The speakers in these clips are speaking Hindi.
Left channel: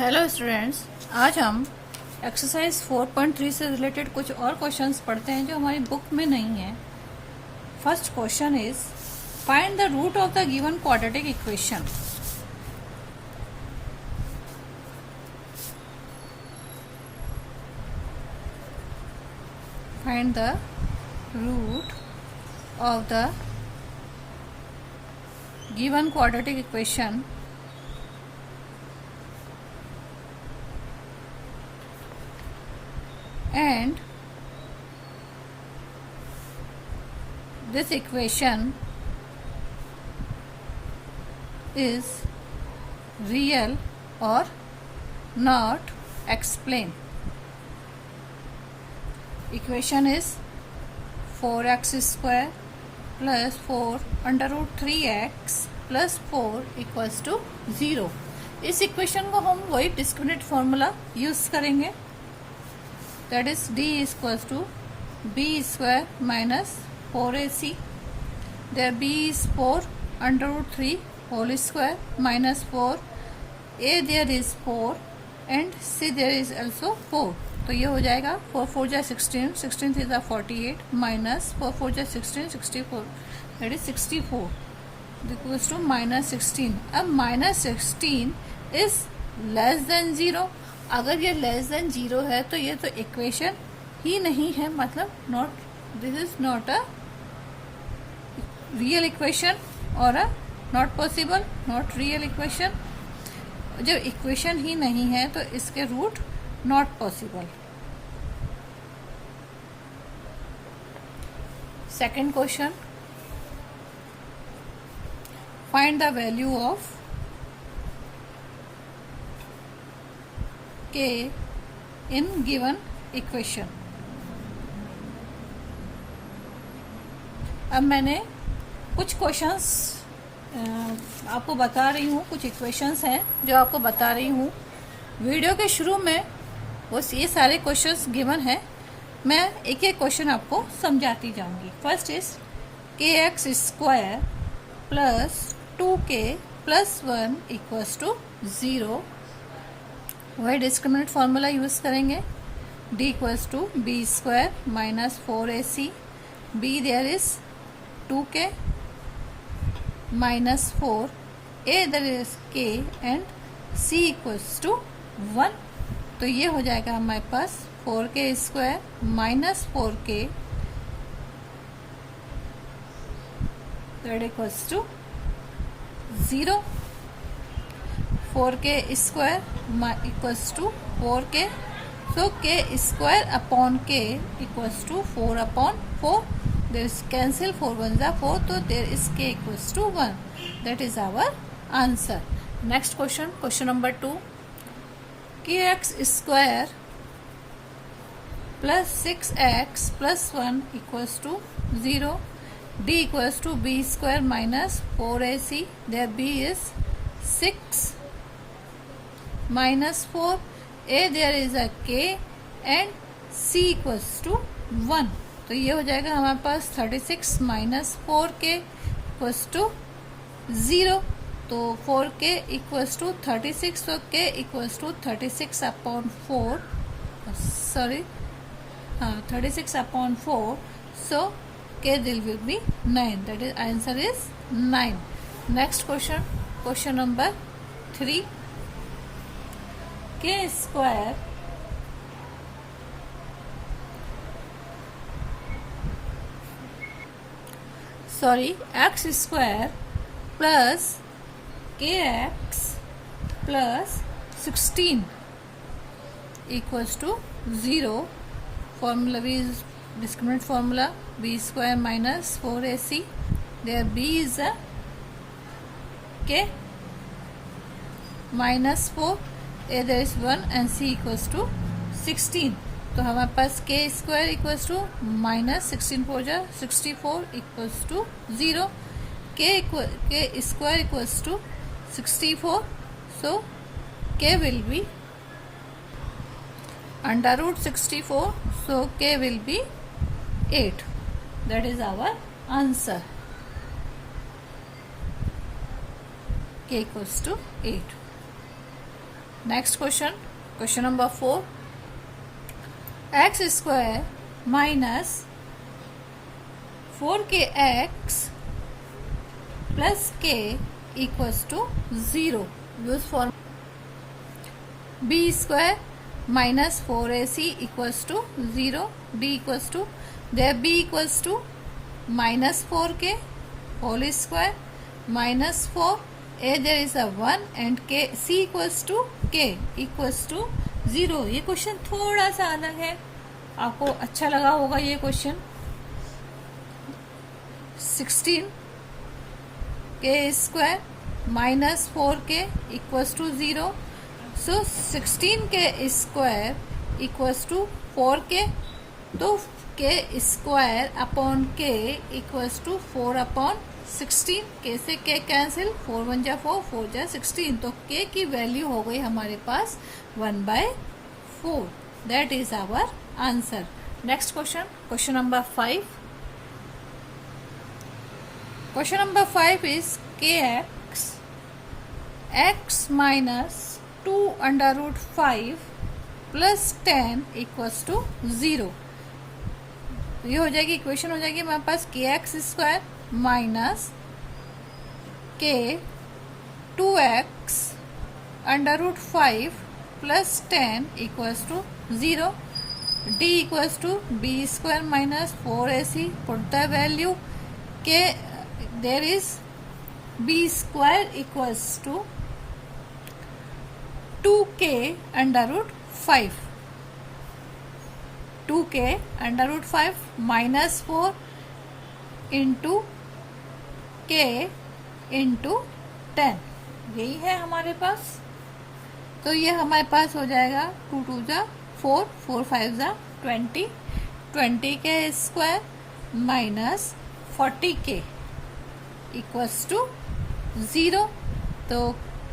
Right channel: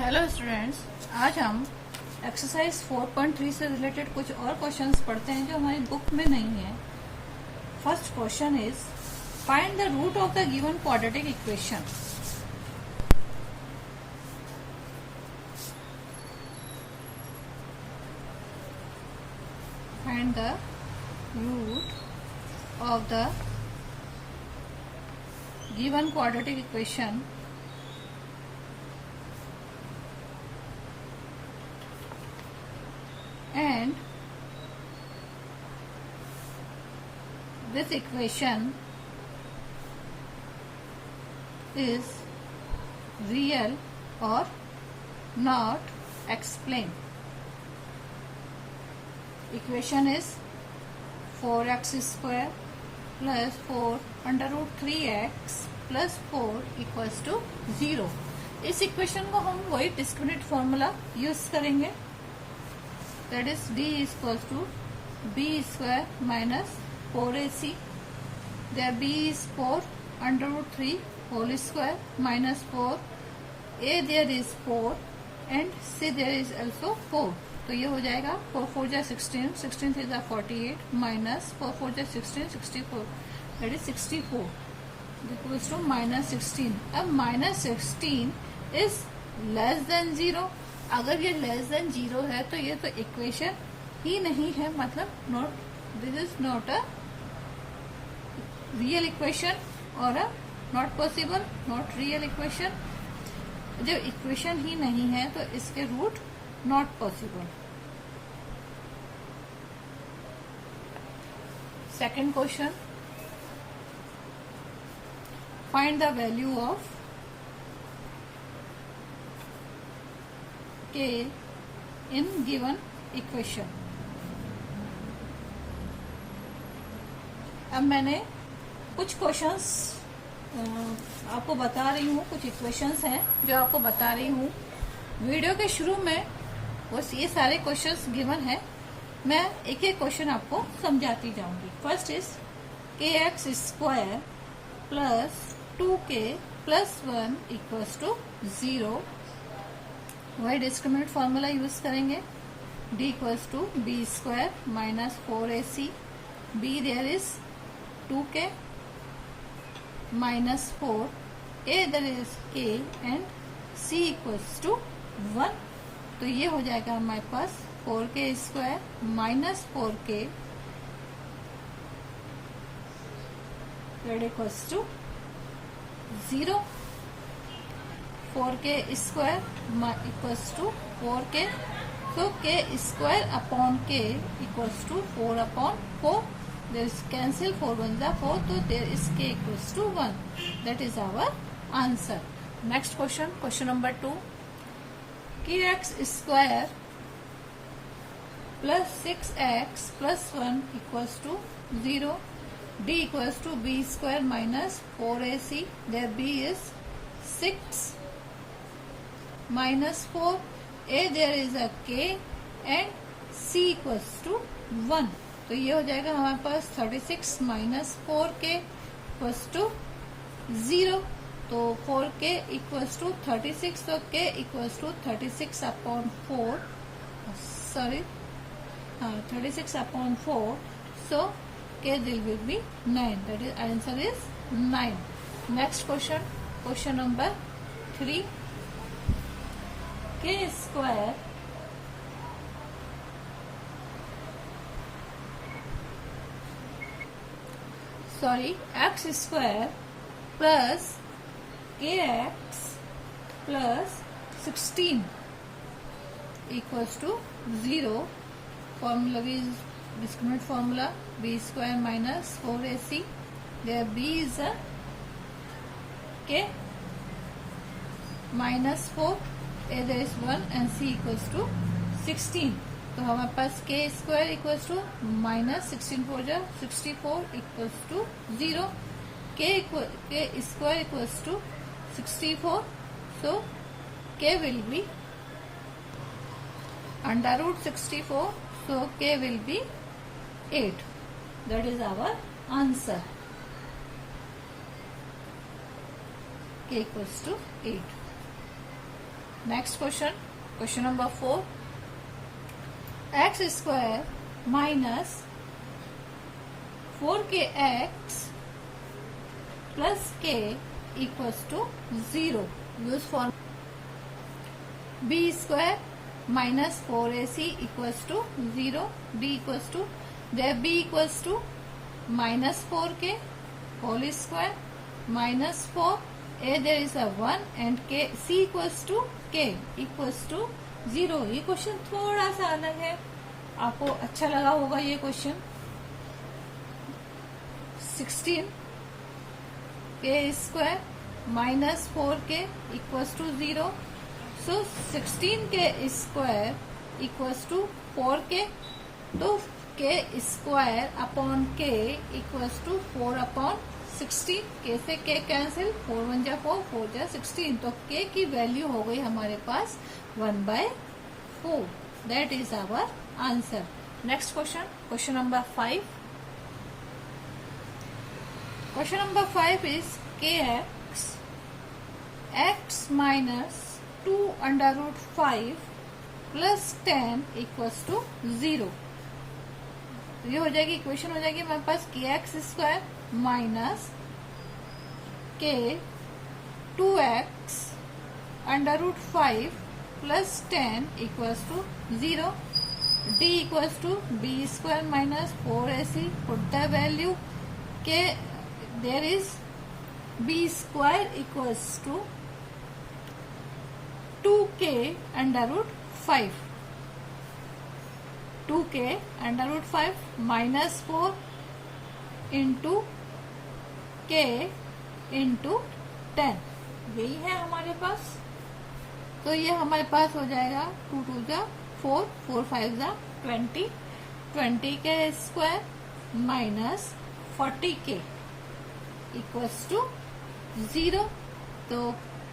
हेलो स्टूडेंट्स, आज हम एक्सरसाइज 4.3 से रिलेटेड कुछ और क्वेश्चंस पढ़ते हैं जो हमारी बुक में नहीं है। First question is find the root of the given quadratic equation. Find the root of the given quadratic equation and this equation is real or not. Explain. Equation is 4x square plus 4 under root 3x plus 4 equals to 0। इस इक्वेशन को हम वही डिस्क्रिमिनेंट फॉर्मूला यूज करेंगे, that is d is equals to b square minus 4ac, there b is 4 under root 3 whole square minus 4, a there is 4 and c there is also 4। तो ये हो जाएगा 4 4 जा 16, 16 3 जा 48 minus 4 4 जा 16, 64, that is 64 equals to minus 16। अब minus 16 is less than 0। अगर ये लेस देन 0 है तो ये तो इक्वेशन ही नहीं है, मतलब not, this is not a real equation और a not possible, not real equation. जब इक्वेशन ही नहीं है तो इसके root not possible. Second question, find the value of k in given equation। अब मैंने कुछ क्वेश्चंस आपको बता रही हूँ, कुछ इक्वेशंस हैं जो आपको बता रही हूँ। वीडियो के शुरू में बस ये सारे क्वेश्चंस गिवन है, मैं एक एक क्वेश्चन आपको समझाती जाऊंगी। First is kx square plus 2k plus 1 equals to 0। वही डिस्क्रिमिनेंट फॉर्मूला यूज करेंगे, d equals to B square minus 4ac, b there is 2k minus 4, a there is k and c equals to 1। तो ये हो जाएगा हमारे पास 4k square minus 4k that equals to 0। 4k square equals to 4k, so k square upon k equals to 4 upon 4, there is cancel 4 1 जा 4, तो there is k equals to 1। That is our answer. Next question, question number 2, kx square plus 6x plus 1 equals to 0, d equals to b square minus 4ac, there b is 6 minus 4, a there is a k and c equals to 1। तो ये हो जाएगा हमारे पास 36 minus 4k equals to 0। तो 4k equals to 36, so k equals to 36 upon 4, sorry, 36 upon 4, so k there will be 9, that is answer is 9। Next question, question number 3, k square x square plus kx plus 16 equals to 0। Formula भी discriminant formula, b square minus 4ac, there b is a k minus 4, a there is 1 and c equals to 16। तो हमारे पास k square equals to minus 16 4 जा 64 equals to 0, k square equals to 64, so k will be under root 64, so k will be 8। that is our answer, k equals to 8। Next question, question number 4, X square minus 4kx plus k equals to 0. Use form B square minus 4ac equals to 0. b equals to there b equals to minus 4k whole square minus 4 a there is a 1 and k c equals to k equals to 0. ये क्वेश्चन थोड़ा सा अलग है, आपको अच्छा लगा होगा ये question. 16 k square minus 4k equals to 0. So 16 k square equals to 4k. तो k square upon k equals to 4 upon 16. k से k कैंसिल, 4 1 जा 4, 4 जा 16. तो k की वैल्यू हो गई हमारे पास 1/4. That is our answer. Next question, question number 5. Question number 5 is kx x minus 2 under root 5 plus 10 equals to 0. ये हो जाएगी इक्वेशन, हो जाएगी हमारे पास kx square minus k 2x under root 5 plus 10 equals to 0. d equals to b square minus 4ac. Put the value k, there is b square equals to 2k under root 5. 2k under root 5 minus 4 into k into 10. यही है हमारे पास. तो ये हमारे पास हो जाएगा 2 2 जा 4, 4 5 जा 20. 20k square minus 40k equals to 0. तो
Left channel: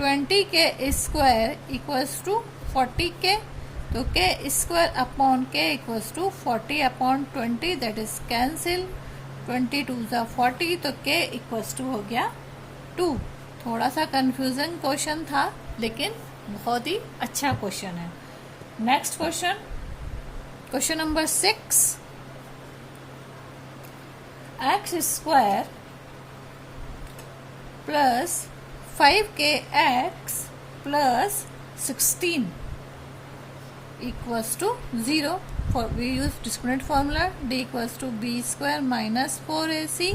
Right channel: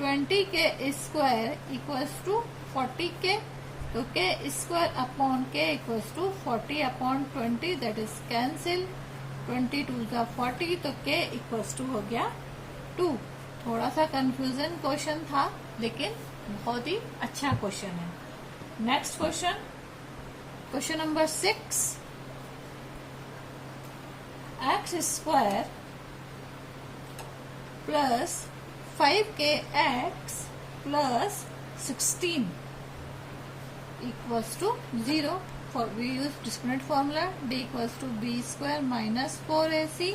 20k square equals to 40k. तो k square upon k equals to 40 upon 20, that is cancel. 22 जा 40, तो k इक्वल्स टू हो गया 2. थोड़ा सा कंफ्यूजन क्वेश्चन था, लेकिन बहुत ही अच्छा क्वेश्चन है. Next question, question number 6. X square plus 5kx plus 16 equals to 0. For we use discriminant formula. d equals to b square minus 4ac.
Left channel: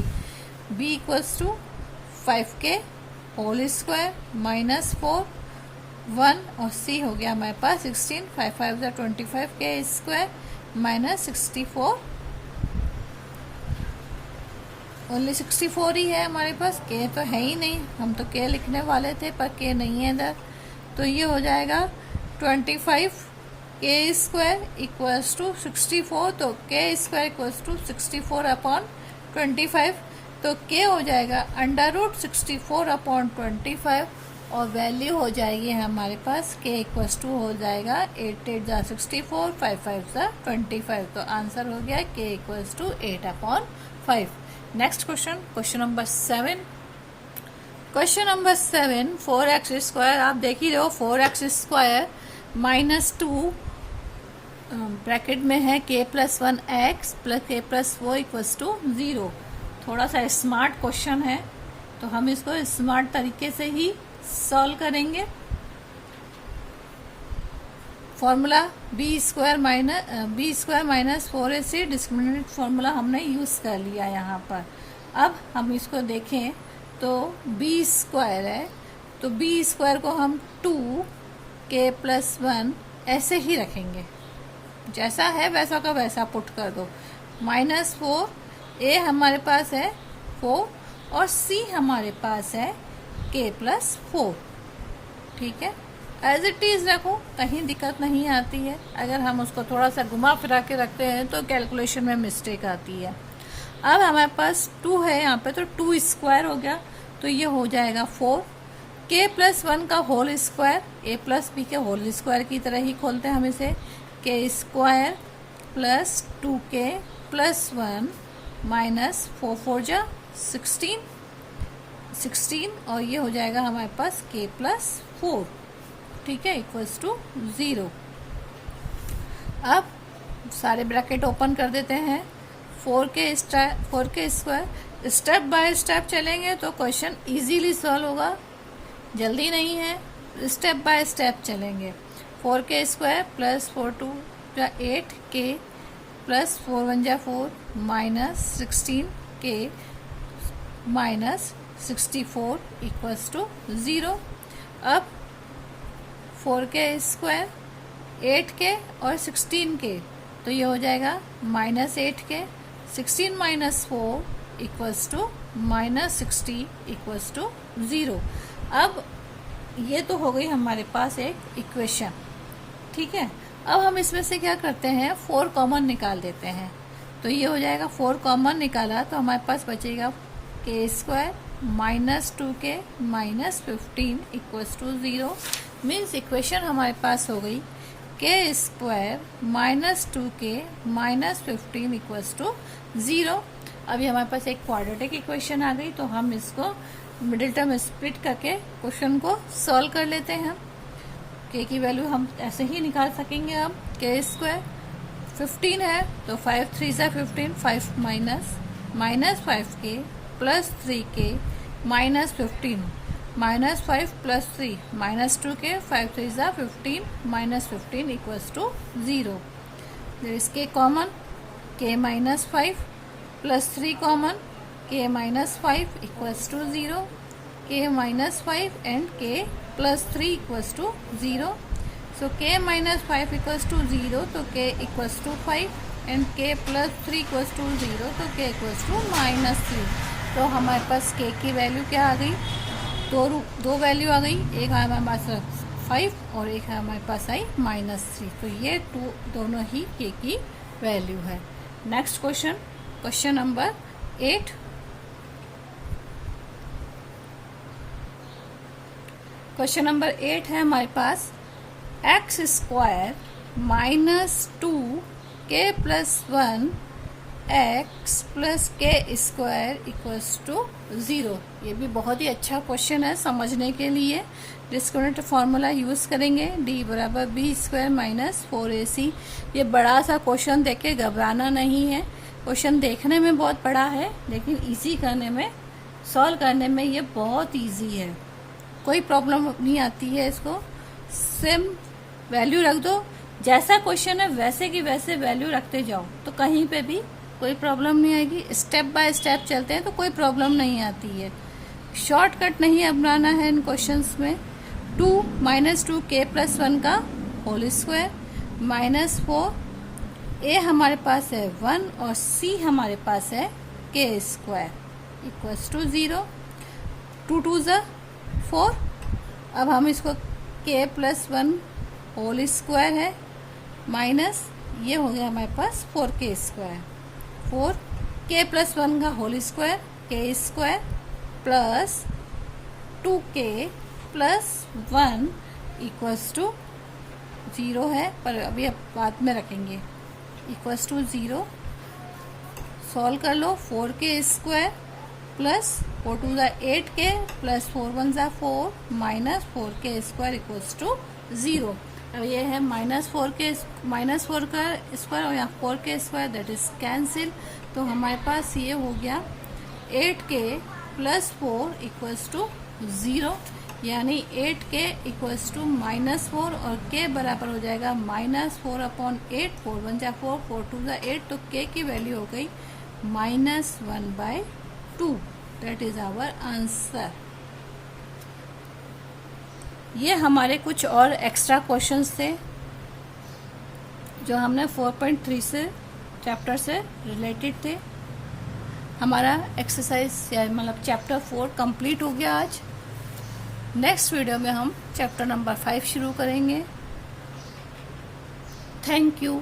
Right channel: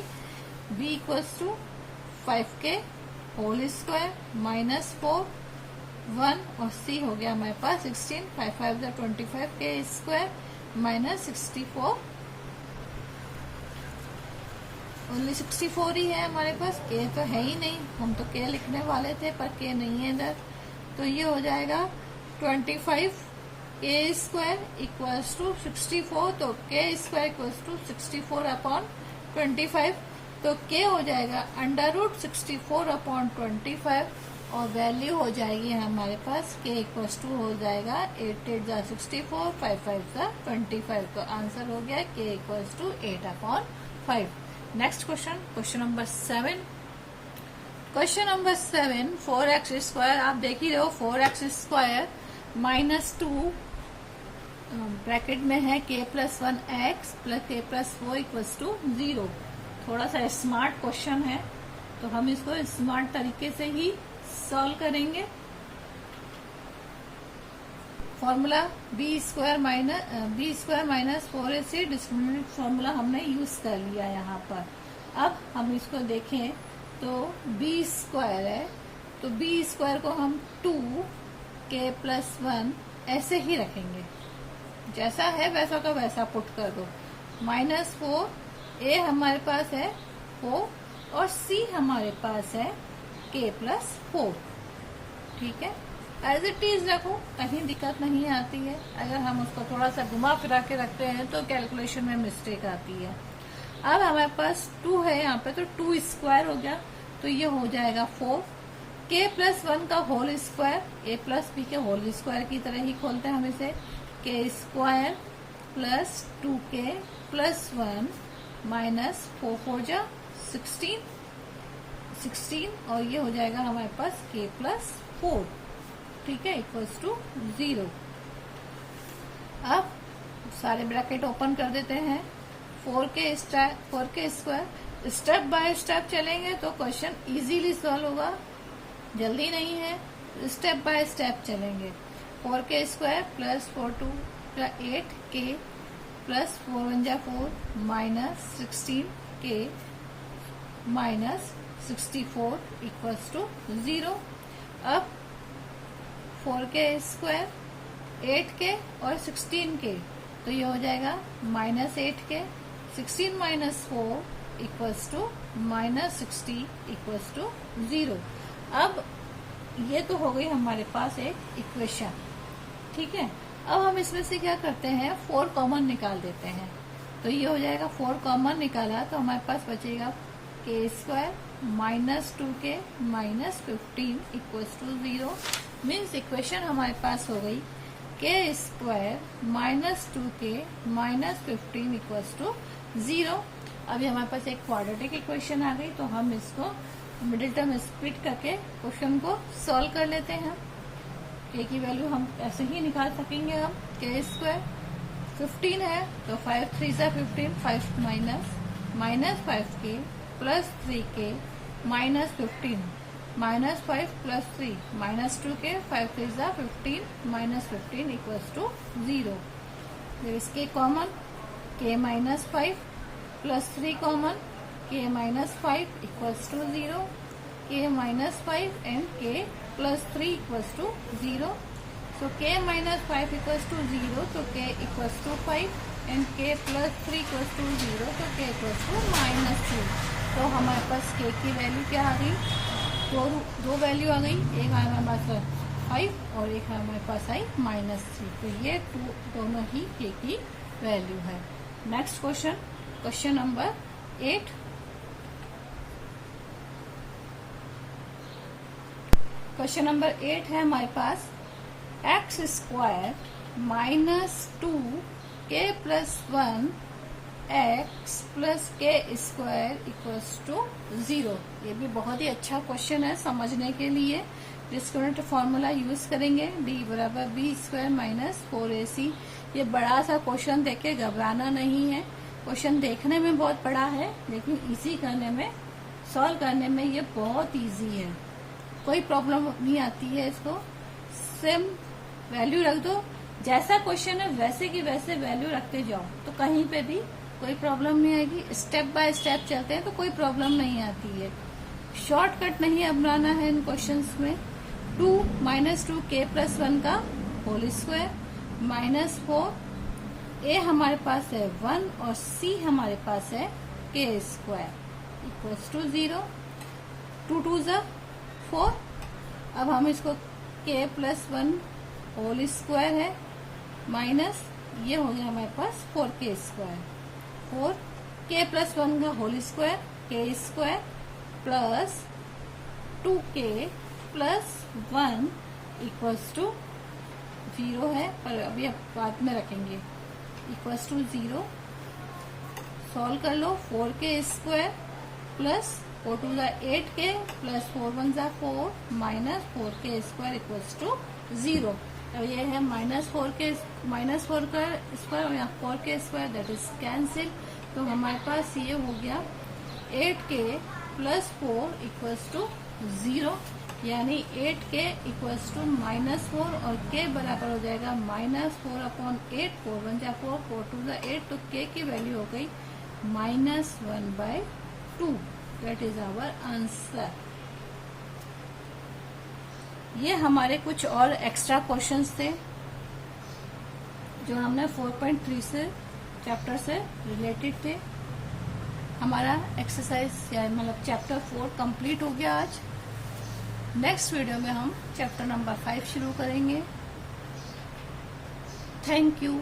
b equals to 5k whole square minus 4 1 और c हो गया हमारे पास 16. 5 5 जा 25k स्क्वायर माइनस 64. ओनली 64 ही है हमारे पास, k तो है ही नहीं. हम तो k लिखने वाले थे पर k नहीं है इधर. तो ये हो जाएगा 25 k स्क्वायर इक्वल्स टू 64. तो k square equals to 64 upon 25. तो k हो जाएगा अंडर रूट 64 अपॉन 25 और वैल्यू हो जाएगी हमारे पास k इक्वल्स टू हो जाएगा 8 8 जा 64, 5 5 जा 25. तो आंसर हो गया k equals to 8 upon 5. Next question, question number 7. Question number 7, 4x square. आप देख ही रहे हो 4x स्क्वायर माइनस 2 ब्रैकेट में है k plus 1x plus k plus 4 equals to 0. थोड़ा सा स्मार्ट क्वेश्चन है, तो हम इसको स्मार्ट तरीके से ही सॉल्व करेंगे. Formula B square minus 4ac discriminant formula हमने यूज कर लिया यहाँ पर. अब हम इसको देखें तो b स्क्वायर है, तो b स्क्वायर को हम 2k प्लस 1 ऐसे ही रखेंगे, जैसा है वैसा का वैसा पुट कर दो. माइनस 4, a हमारे पास है 4 और c हमारे पास है k प्लस 4. ठीक है, एज इट इज रखो, कहीं दिक्कत नहीं आती है. अगर हम उसको थोड़ा सा घुमा फिरा के रखते हैं तो कैलकुलेशन में मिस्टेक आती है. अब हमारे पास 2 है यहाँ पे, तो 2 स्क्वायर हो गया, तो ये हो जाएगा 4. k प्लस 1 का whole square a plus b के होल स्क्वायर की तरह ही खोलते हैं हम इसे. k square plus 2k plus 1 minus 4 4 जा 16 और ये हो जाएगा हमारे पास k प्लस 4. ठीक है, इक्वल्स टू 0। अब सारे ब्रैकेट ओपन कर देते हैं। 4k square, step by step चलेंगे तो क्वेश्चन इजीली सॉल्व होगा, जल्दी नहीं है, स्टेप बाय स्टेप चलेंगे। 4k square plus 4 2 8k plus 4 1 4 minus 16k minus 64 equals to 0। अब 4k स्क्वायर 8k और 16k, तो ये हो जाएगा minus 8k, 16 minus 4 equals to minus 60 equals to 0। अब ये तो हो गई हमारे पास एक इक्वेशन, ठीक है। अब हम इसमें से क्या करते हैं, 4 कॉमन निकाल देते हैं। तो ये हो जाएगा 4 कॉमन निकाला तो हमारे पास बचेगा k square minus 2k minus 15 equals to 0। Means equation हमारे पास हो गई k square minus 2k minus 15 equals to 0। अभी हमारे पास एक क्वाड्रेटिक इक्वेशन आ गई, तो हम इसको मिडिल टर्म स्प्लिट करके क्वेश्चन को सॉल्व कर लेते हैं। k की वैल्यू हम ऐसे ही निकाल सकेंगे। अब k स्क्वायर 15 है तो 5 3 सा 15, 5 minus 5k plus 3k minus 15 minus 5 plus 3 minus 2k, 5 3 सा 15 minus 15 equals to 0। There is k common, k minus 5 plus 3 common, k minus 5 equals to 0, k minus 5 and k plus 3 equals to 0। So k minus 5 equals to 0, तो k equals to 5 and k plus 3 equals to 0, तो k इक्वल्स टू माइनस 3। तो हमारे पास k की वैल्यू क्या आ गई, दो वैल्यू आ गई, एक हमारे पास 5 और एक हमारे पास आई माइनस 3। तो ये दोनों ही k की वैल्यू है। Next question, question number 8। Question number 8 है हमारे पास x square minus 2k plus 1 x plus के स्क्वायर इक्वल्स टू 0। ये भी बहुत ही अच्छा क्वेश्चन है समझने के लिए। डिस्क्रिमिनेंट फॉर्मूला यूज करेंगे, d बराबर बी स्क्वायर माइनस 4ac। ये बड़ा सा क्वेश्चन देख के घबराना नहीं है, क्वेश्चन देखने में बहुत बड़ा है लेकिन इजी करने में, सॉल्व करने में ये बहुत इजी है, कोई प्रॉब्लम नहीं आती है। इसको सेम वैल्यू रख दो, जैसा क्वेश्चन है वैसे की वैसे वैल्यू रखते जाओ तो कहीं पे भी कोई प्रॉब्लम नहीं आएगी। स्टेप बाय स्टेप चलते हैं तो कोई प्रॉब्लम नहीं आती है। शॉर्टकट नहीं अपनाना है इन क्वेश्चंस में। 2 माइनस 2k प्लस 1 का होल स्क्वायर माइनस 4, a हमारे पास है 1 और c हमारे पास है k स्क्वायर इक्वल्स टू 0। 2 2 ज़ा 4। अब हम इसको k प्लस 1 होल स्क्वायर है माइनस, ये हो गया हमारे पास 4k स्क्वायर, 4k प्लस 1 का whole square k square plus 2k plus 1 equals to 0 है, पर अभी अब बाद में रखेंगे, इक्वल्स टू 0। सॉल्व कर लो। 4k स्क्वायर प्लस 4 2 ज़ा 8k प्लस 4 1 ज़ा 4 minus 4k square equals to 0। अब ये है माइनस 4 का स्क्वायर और यहाँ 4k square, that is cancel. तो हमारे पास ये हो गया 8k प्लस 4 इक्वल्स टू 0, यानी 8k इक्वल्स टू माइनस 4 और k बराबर हो जाएगा माइनस 4 अपॉन 8, 4 1 ज़ा 4, 4 2 ज़ा 8, तो k की वैल्यू हो गई minus 1/2। That is our answer. ये हमारे कुछ और एक्स्ट्रा क्वेश्चंस थे जो हमने 4.3 से चैप्टर से रिलेटेड थे। हमारा एक्सरसाइज या मतलब चैप्टर 4 कंप्लीट हो गया आज। नेक्स्ट वीडियो में हम चैप्टर नंबर 5 शुरू करेंगे। Thank you.